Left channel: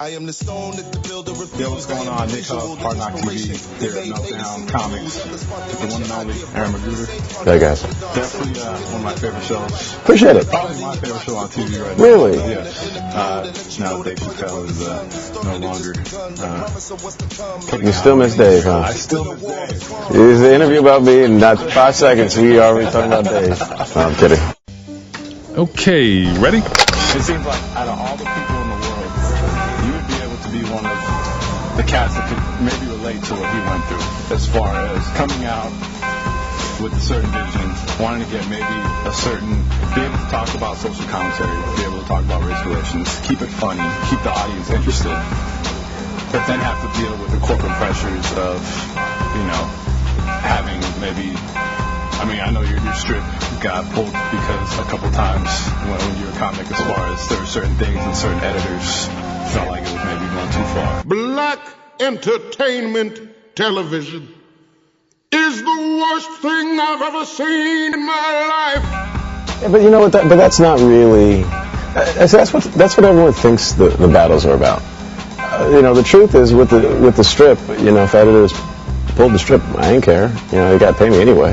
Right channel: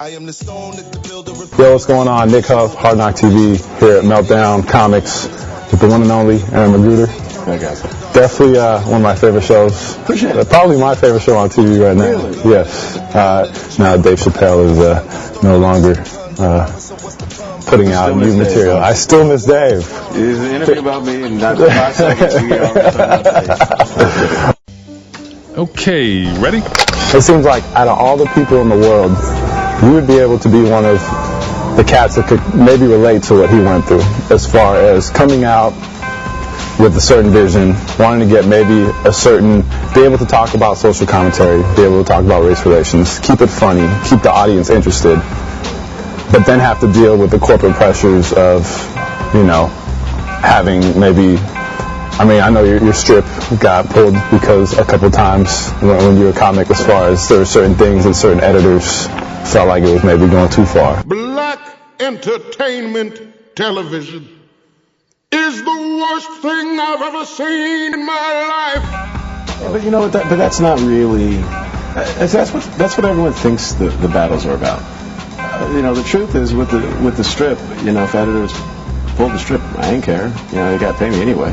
Yo, what's going on? Nick Huff, Hard Knock TV, here at Meltdown Comics with the one and only McGruder. Hey guys. Definitely one of my favorite shows. Appreciate it. Probably my favorite show on TV right now. Really? Yes. Now Dave Chappelle is no longer putting out new material. I still miss Dave. It was an interview about me, and after 5 seconds, we already talking about Dave. I'm kidding. Okay, ready? It seems like out of all the people in the world, you would be able to be one of the cats that could maybe relate to what he went through as far as coming out with a certain vision, wanting to get maybe a certain, be able to talk about social commentary, be able to talk about race relations, keep it funny, keep the audience interested, but then have to deal with the corporate pressures of, you know, having maybe, I mean, I know your strip got pulled because a couple times when you were a comic, as far as there were certain things and certain editors felt like it was maybe going too far. Black entertainment television is the worst thing I've ever seen in my life. Yeah, but you know what? But that's not really. That's what everyone thinks the battles are about. You know, the truth is with the strip. You know, if editors pulled the strip, I didn't care. You know, they got to pay me anyway.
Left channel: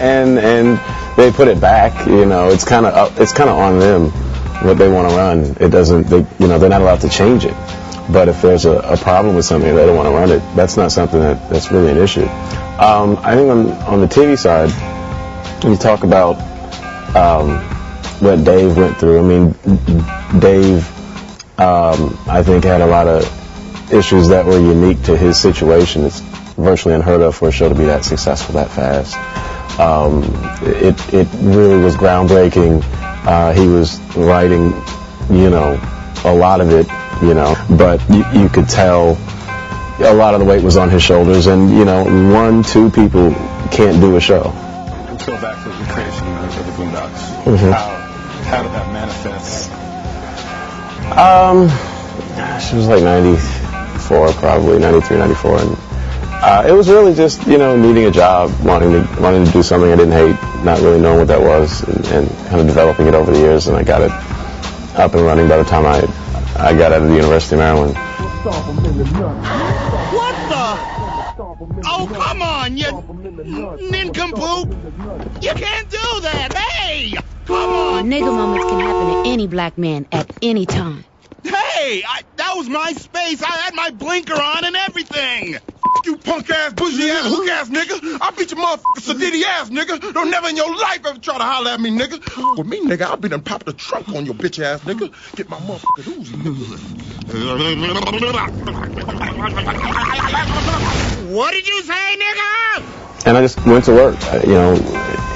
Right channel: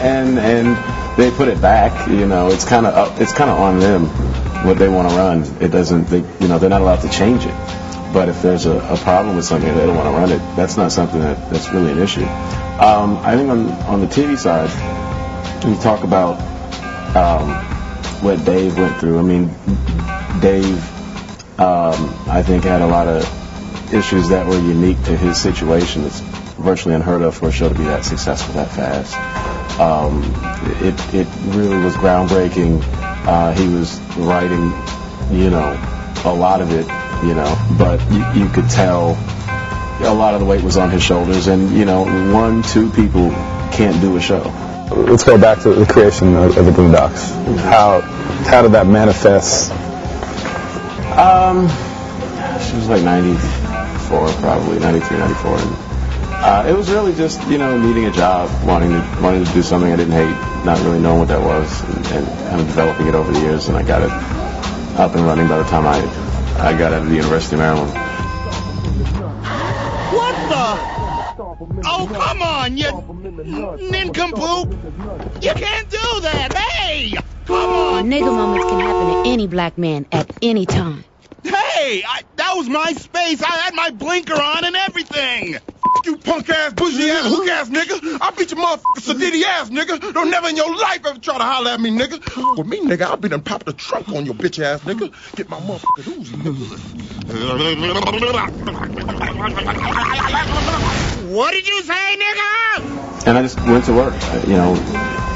and they put it back. You know, it's kind of on them what they want to run. It doesn't. You know, they're not allowed to change it. But if there's a problem with something, they don't want to run it. That's not something that's really an issue. I think on the TV side, you talk about what Dave went through. I mean, Dave, I think, had a lot of issues that were unique to his situation. It's virtually unheard of for a show to be that successful that fast. It really was groundbreaking. He was writing, you know, a lot of it, you know, but you could tell a lot of the weight was on his shoulders, and, you know, 1-2 people can't do a show. Let's go back to the creation of the Boondocks. Mm-hmm. How did that manifest? She was like 94, probably 93, 94, and it was really just, you know, needing a job, wanting to do something I didn't hate, not really knowing what that was, and kind of developing it over the years, and I got it up and running by the time I got out of the University of Maryland. What the? Oh, come on, you nincompoop! You can't do that! Hey! Come on! Nigga moments can happen to any black man at any time. Hey! That was my space! I had my blinker on and everything! You punk-ass, bougie-ass, hook-ass nigga. I beat your motherfucking Sadiddy-ass, nigga. Don't never in your life ever try to holler at me, nigga. With me, nigga, I'll be done pop the trunk on your bitch-ass, nigga. Get my motherfucking Uzi, nigga. What did you say, nigga? And I just went to work, you know.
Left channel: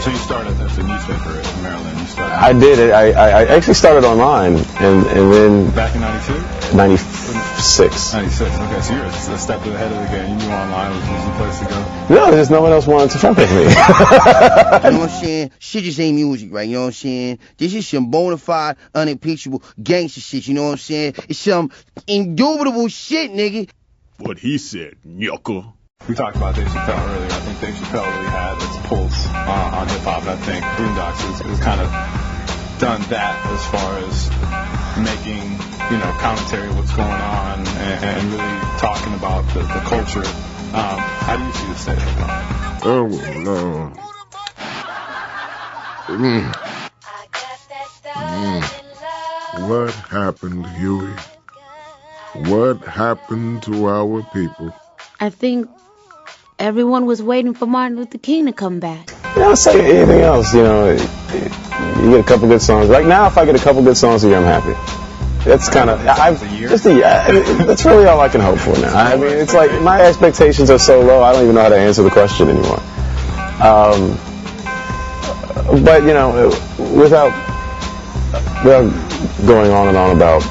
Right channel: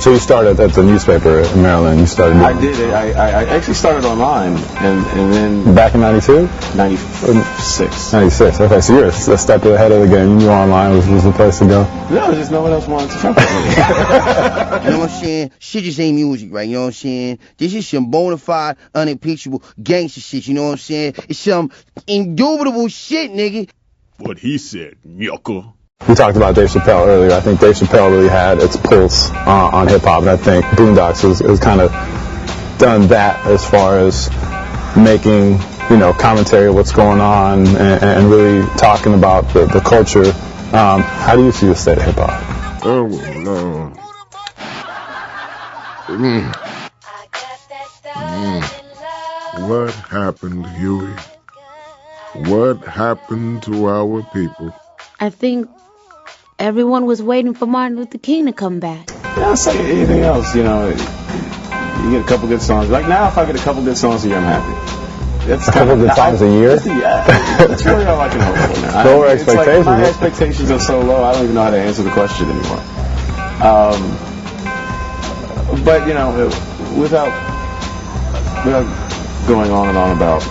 So you started at the newspaper in Maryland. You started. I did. I actually started online, and then back in '92, 96. 96. Okay, so you're a step ahead of the game. You knew online was the place to go. No, there's no one else wanted to fuck with me. You know what I'm saying? Shit just ain't music, right? You know what I'm saying? This is some bona fide, unimpeachable gangster shit. You know what I'm saying? It's some indubitable shit, nigga. What he said, yucca. We talked about Dave Chappelle earlier. I think Dave Chappelle really had its pulse on hip-hop, and I think Boondocks was kind of done that as far as making, you know, commentary of what's going on and really talking about the culture. How do you see the state of hip-hop? Oh, no. What happened, Huey? What happened to our people? I think everyone was waiting for Martin Luther King to come back. Yeah, I'll say anything else, you know. You get a couple good songs. Right now, if I get a couple good songs a year, I'm happy. That's kind of times a year. That's really all I can hope for now. It's like my expectations are so low, I don't even know how to answer the question anymore. But, you know, without going on and on about,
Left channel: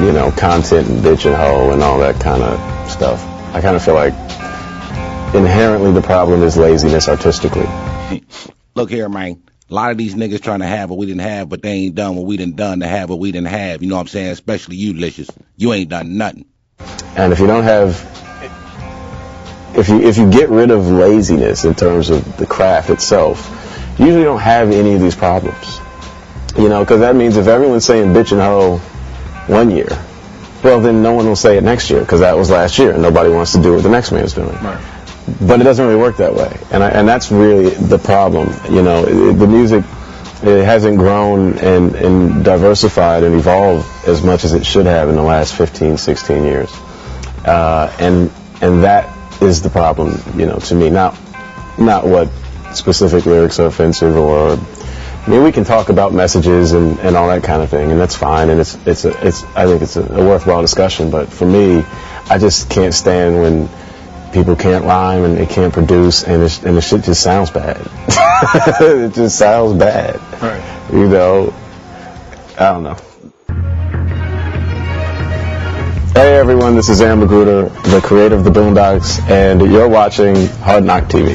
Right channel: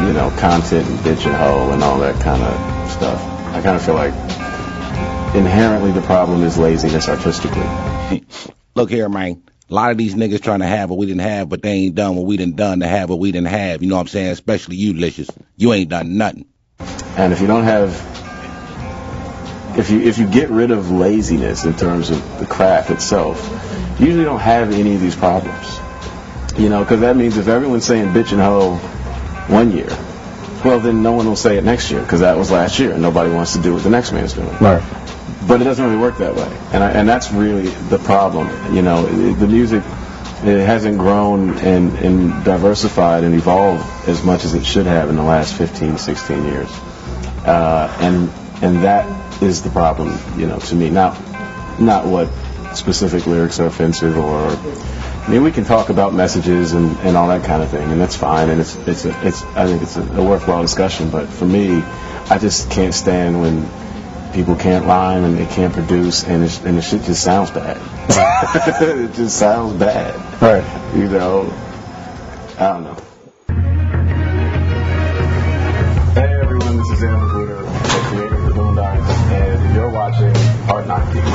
you know, content and bitch and hoe and all that kind of stuff, I kind of feel like inherently the problem is laziness artistically. Look here, man. A lot of these niggas trying to have what we didn't have, but they ain't done what we done to have what we didn't have. You know what I'm saying? Especially you, Licious. You ain't done nothing. And if you don't have, if you get rid of laziness in terms of the craft itself, you usually don't have any of these problems. You know, because that means if everyone's saying bitch and hoe one year, well, then no one will say it next year because that was last year and nobody wants to do what the next man's doing. Right. But it doesn't really work that way, and that's really the problem. You know, the music, it hasn't grown and diversified and evolved as much as it should have in the last 15, 16 years. And that is the problem, you know, to me. Not what specific lyrics are offensive or, I mean, we can talk about messages and all that kind of thing, and that's fine, and I think it's a worthwhile discussion. But for me, I just can't stand when people can't rhyme and they can't produce, and the shit just sounds bad. It just sounds bad. Right. You know, I don't know. Hey everyone, this is McGruder, the creator of the Boondocks, and you're watching Hard Knock TV.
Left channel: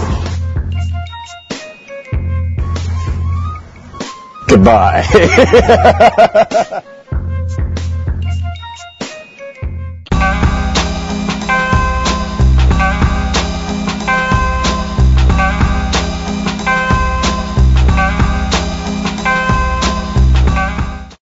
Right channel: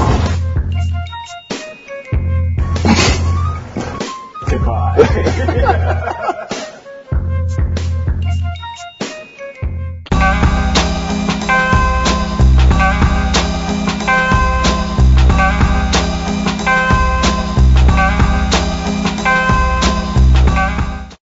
Goodbye.